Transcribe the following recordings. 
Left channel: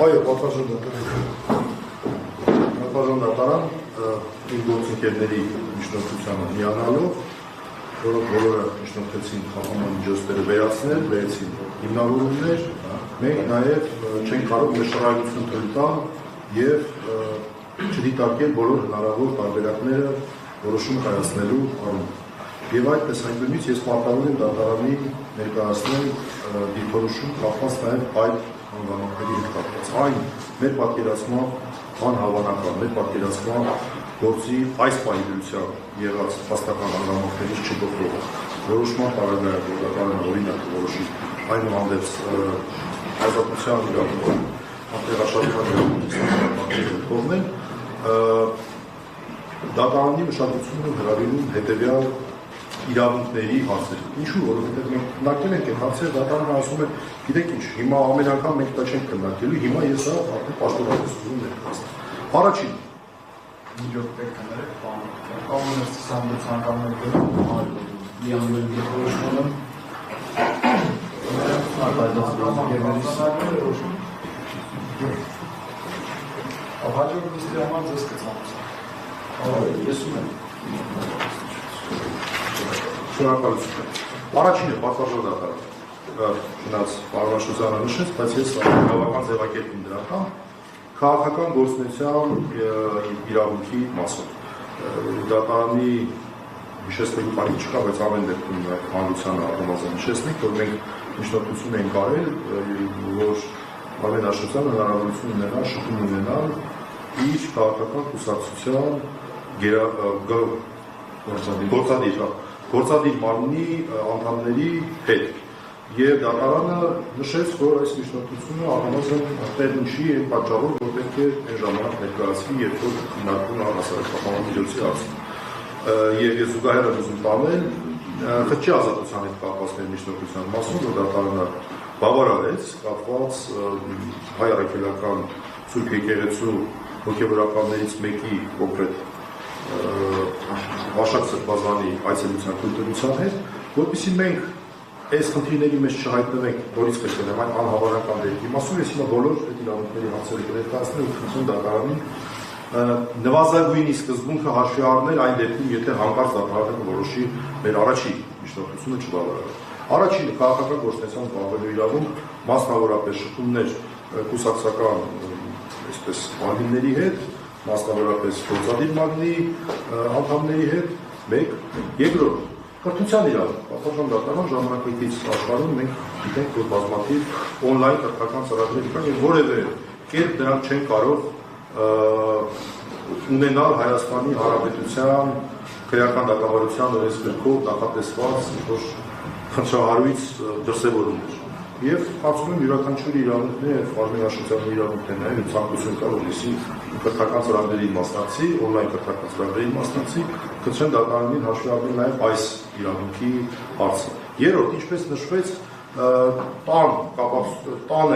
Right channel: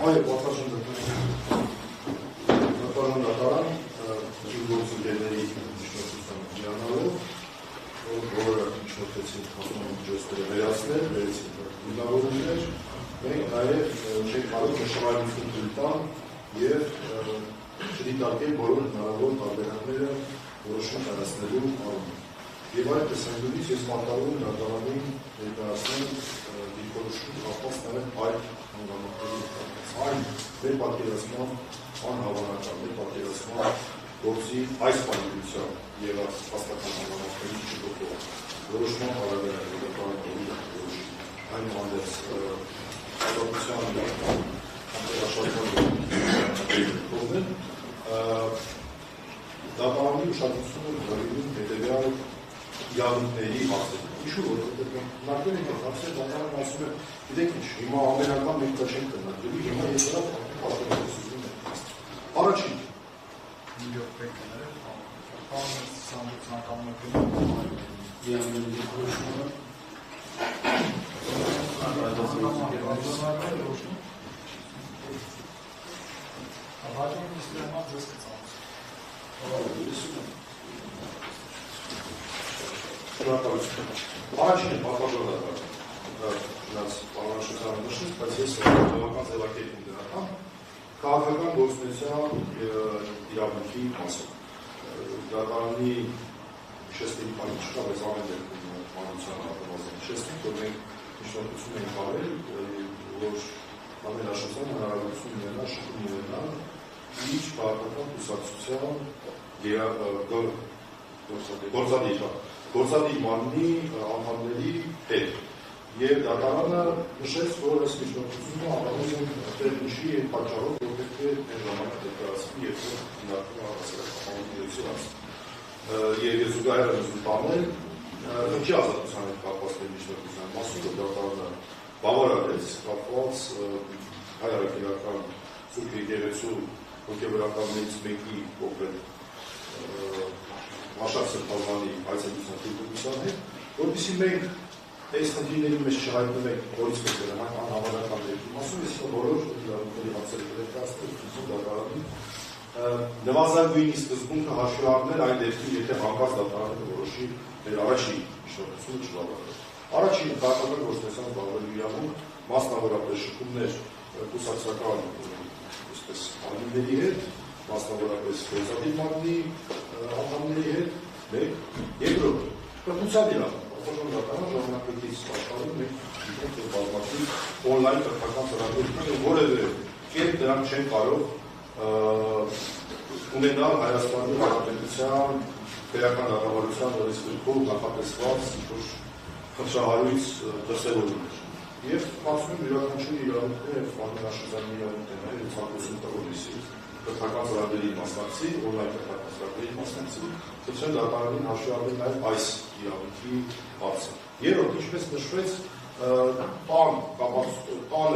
Այո, պատասխան դատարան իր գործընկերների միջնորդությանը միանալով, որոնք բոլորը միջնորդեցին խաղամմիջոցները վերացնել, վերեցին հիմնավորումներ, մենք նաև չենք կարող նշանակություն թույլ տալ և չդիտարկել բոլոր հնարավոր տարբերակները որոշում կայացնելու առումով։ Եվ այդ տեսանկյունից ես պարտավոր եմ դատարանի ներկայացնել դիրքորոշում կապված նաև այդ անվանակների հետ կապված։ Այն մեր պատկերացմամբ անհավանական, մեր պատկերացմամբ գործի այս պայմանությամբ եղած փաստական անվանակներից չգործող որոշման տարբերակը դատարանը օրինակ որոշի այնուհանդերձ հայտարարության իրավունքն անտեղաշարժման կողմեն դատարանի ուշադրությունը հրավիրում հետևյալ իրավունքների հարցերում։ Ինչու՞, որովհետև մենք քննարկել ենք այդ հարցերը, դատարանը ասում է, գիտեք ինչ, հիմա ամեն անգամ մենք դա չենք քննարկելու, հիմա ես դա արդեն պաշտոնապես ուզում եմ ներկայացնել։ Առաջին Առաջինը պատվավոր դատարան գնաց պարոնաշրջանը նշեց, բայց ես բավական ձևակերպում դրան քաղաքական գործունեության իրավունքի մասով դատարանի հիշեցնելու բանի չկա, բայց ամեն դեպքում հանրությանը առնվազն հիշեցնենք, որ մենք միջնորդություն ենք արել, որ պարոնաշրջանը հնարավորություն ունենա շփում ունենալ իր քաղաքական կուսակցության գործադիր մարմնի անդամների հետ և դատարանը նշեց, որ այս միջնորդությունը առնվազն տեղ նշի և պատճառով, որ պետք է այն ժամանակ ներկայացվի, երբ որ քննարկվում է առհասարակ խաղամիջոցի հարցը։ Եվ ես զուգահեռ եմ ուզում տանել խճի ազատության հետ կապված միջնորդության մասում, որ դատարանը բավարարեց կապված հայ առաքելական Սուրբ եկեղեցու հոգևորականներից մեկի կոնկրետ Վաշակ Սրբազանի այցելության քննության հետ, որպեսզի մենք այս խնդիրների մեջ չհայտնվենք, որից պետք է այն անհավանական դեպքի մասում, ես հիմա բոլոր իրավունքների հարցերը կներկայացնել ու խնդրում դատարանին նվազագույնի սկզբունքը հաշվի առնել այն դեպքում, եթե հանկարծ դատարանը որոշի մեր առաջին միջնորդությունը չբավարարել։ Առաջինը քաղաքական գործունեության զբաղվելու իրավունք, մասնավորապես շփումներ կուսակցական այսպես մարմինների հետ, մասնավորապես գործադիր մարմնի անդամների հետ, մեկ, երկրորդ կրթության իրավունք, պատասխան դատարան ժամանակակից աշխարհում մենք գիտենք, որ բազմաթիվ օնլայն կրթական ծրագրեր կան եւ որևէ կերպ դրանք չեն կարող ունենալ Հայաստանի Հանրապետության քրեական դատավարության օրենսգրքով նախատեսված որ խնդրահարույց դրսևորումներ։ Եվ կարծում եմ յուրաքանչյուր իրավունքներ, պաշտոնաշրջանի իրավունքներն են ցանկություն կա, որպեսզի կրթական ծրագրերի մասնակցի, օնլայն կրթական ծրագրերի մասնակցի, կցեն դատարանին հաշվի առնել նաև այս իրավունքի հարցը։ Երրորդ, ինչպես նշվեց, տան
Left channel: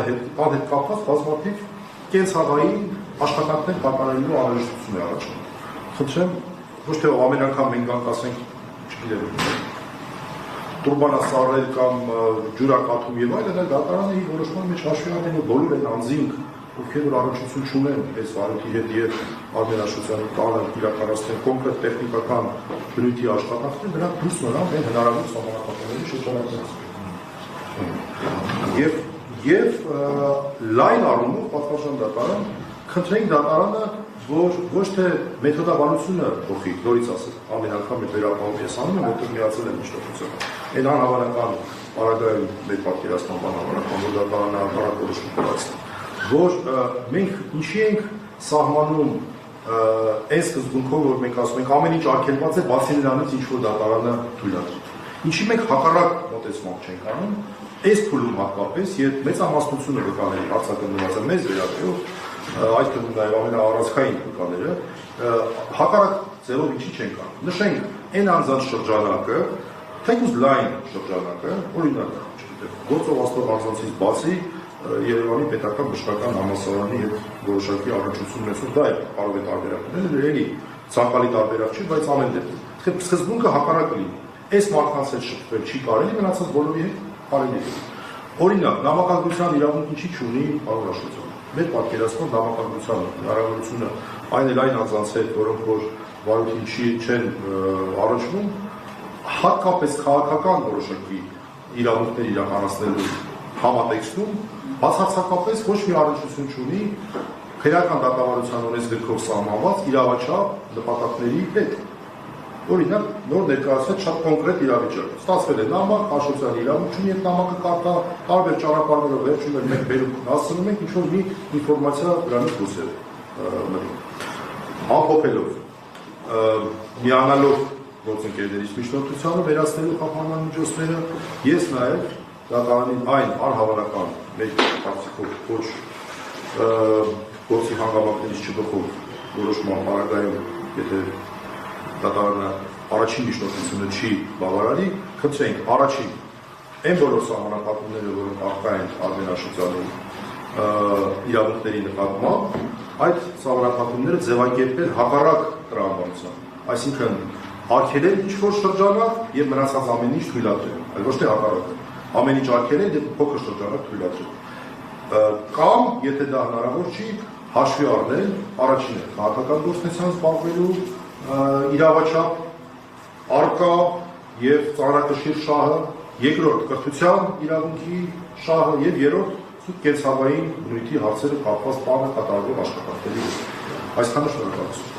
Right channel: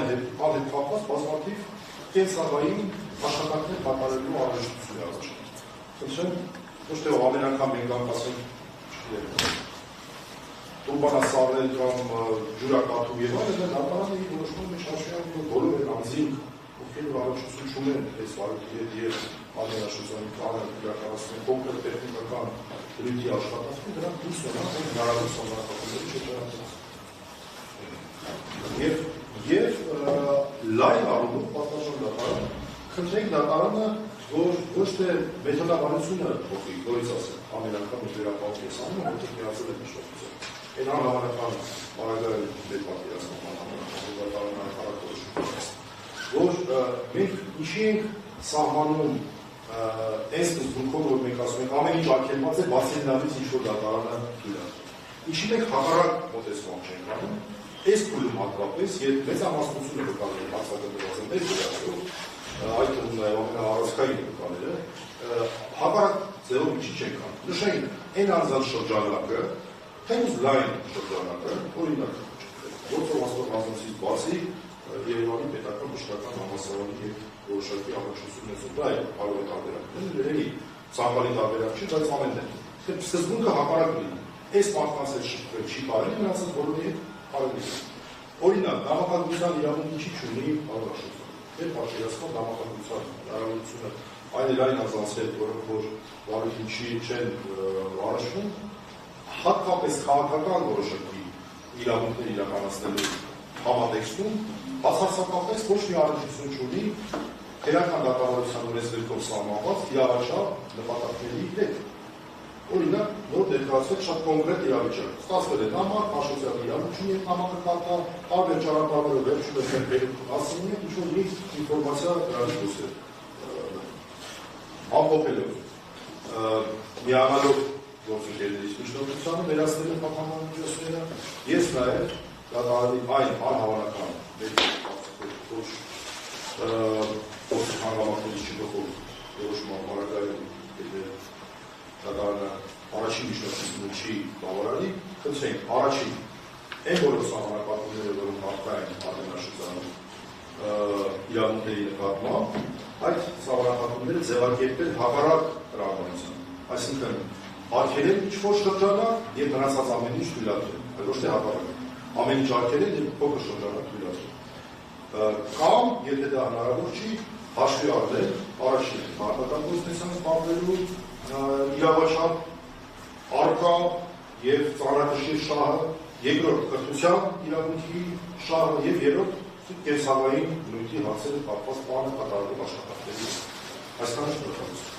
հետ կապված բազմաթիվ կենցաղային աշխատանքներ կատարելու անհրաժեշտություն է առաջանում։ Խնդրեմ, ոչ թե ամեն անգամ մենք ասենք, չգիտեմ, տուրբանասառել կամ ջուրակաթում եւ այլն, այլ դատարանը իր որոշման մեջ հաշվի առնում է բոլոր այն անձինք, ովքեր որ առողջություն չունեն այս վարույթի հետ եւ adminաշխությանը տանը իրականացնեն կոնկրետ տեխնիկական բնույթի աշխատանքներ, դրանք դուրս մնան այն հնարավոր սահմանափակումների շրջանակից։ Եվ լայն առումով պատասխան դատարան խնդրենք դատարանը, որ ոչ թե մեթոդաբանությունը փոխի, նորից ասեմ, ամեն անգամ այդ վերապահում ես անում եմ, որտեղ միացել եմ միջնորդությունը։ Այդ անհավանական պարագայում մեր պատկերացման բանավարական, որ դատարանը հակառակ որոշում կայացնի, որ մենք ինչի ենք սահմանում այս սկզբունքով, որ մենք ասում ենք ամեն ինչ արգելված է, բացի նրանից ինչ որ դատարանը թույլ է։ Ինչի մենք հակառակ մոտեցում չենք անում, այս փուլում հատկապես, երբ մեծամասնությունը վկաների հարցակնված է մեզ վերաբերող, այդ թվում նաև ամենաառանցքային վկաները, հակառակ ձևով ինչի չենք անում։ Նշենք այն անձանց շրջանակը, թեկուզ լայն շրջանակը, օրինակ, գործող աստող անձանցից բացի Երևանի պետական բժշկական համալսարանի հետ որոշակի առնչություն ունեցող, դա է կարող է տարբերակներ, էլի ցանկալի տարբերակ չի, բայց ամեն դեպքում։ Սկզբունքը հակառակ լինի։ Այս մարդկանց հետ շփվել չի կարելի, մնացած բոլորի հետ կարելի է։ Օրինակ, նամակագրության իրավունք ինչի չունի պարոնաշրջանը։ մեր պատկերացման դավանականության հնարավորությունը այն էլ այն անձանց հետ, որոնք որ վարույթին չեն առնչվում, հատկապես քաղաքական որոշակի իրավունքներ իրականացնելու համատեքստում բացարձակապես ոչ մի առնչություն չունի քրեական դատավարության ունեցքով սահմանված իրավաչափ նպատակների հետ։ Օրինակ, նոր ներկայացնել շատ կոնկրետ իրավիճակ։ Ստացվել է նամակ, հաշվետվության իրավունք ունի, այդ նամակը կարտա, տարբեր ճանապարհներով վերջում են մենք բերում հասցնում ենք ինչ-որ մի ինֆորմացիա դրանից դուրս է մնում։ Ամփոփելով, միանալով գործընկերներից միջնորդությանը վերացնելու խափանման միջոցները, ես նաև դատարանին այն անհավանական մեր կարծիքով ոչ գործի հանգամանքներից չբխող որոշման պարագայում, եթե դատարանը առաջին միջնորդությունը չի բավարարի, խնդրենք առաջին այն բոլոր սահմանափակումները, որոնք առկա են Արմենաշուտյանի իրավունքների նկատմամբ, այդ սահմանափակումները ձևակերպել հակառակ տրամաբանության, այսինքն արգելել ինչ-որ շրջանակ եւ մնացած ամեն ինչ թույլատրել, այլ ոչ թե հակառակը, ամեն ինչ արգելել եւ փոքր շրջանակ թույլատրել։ Կամ, եթե դա հնարավոր չի, հաշվի առնել առաջինը քաղաքական գործունեությամբ զբաղվելու իրավաչափ արկա եւ ծանրակշիռ շահը, երկրորդ կրթության իրավունքի շահը եւ երրորդ կենսաբանային բնույթի հարցերը կապված բանը կատարվող աշխատանքների հետ։ Այսքանը շնորհակալություն։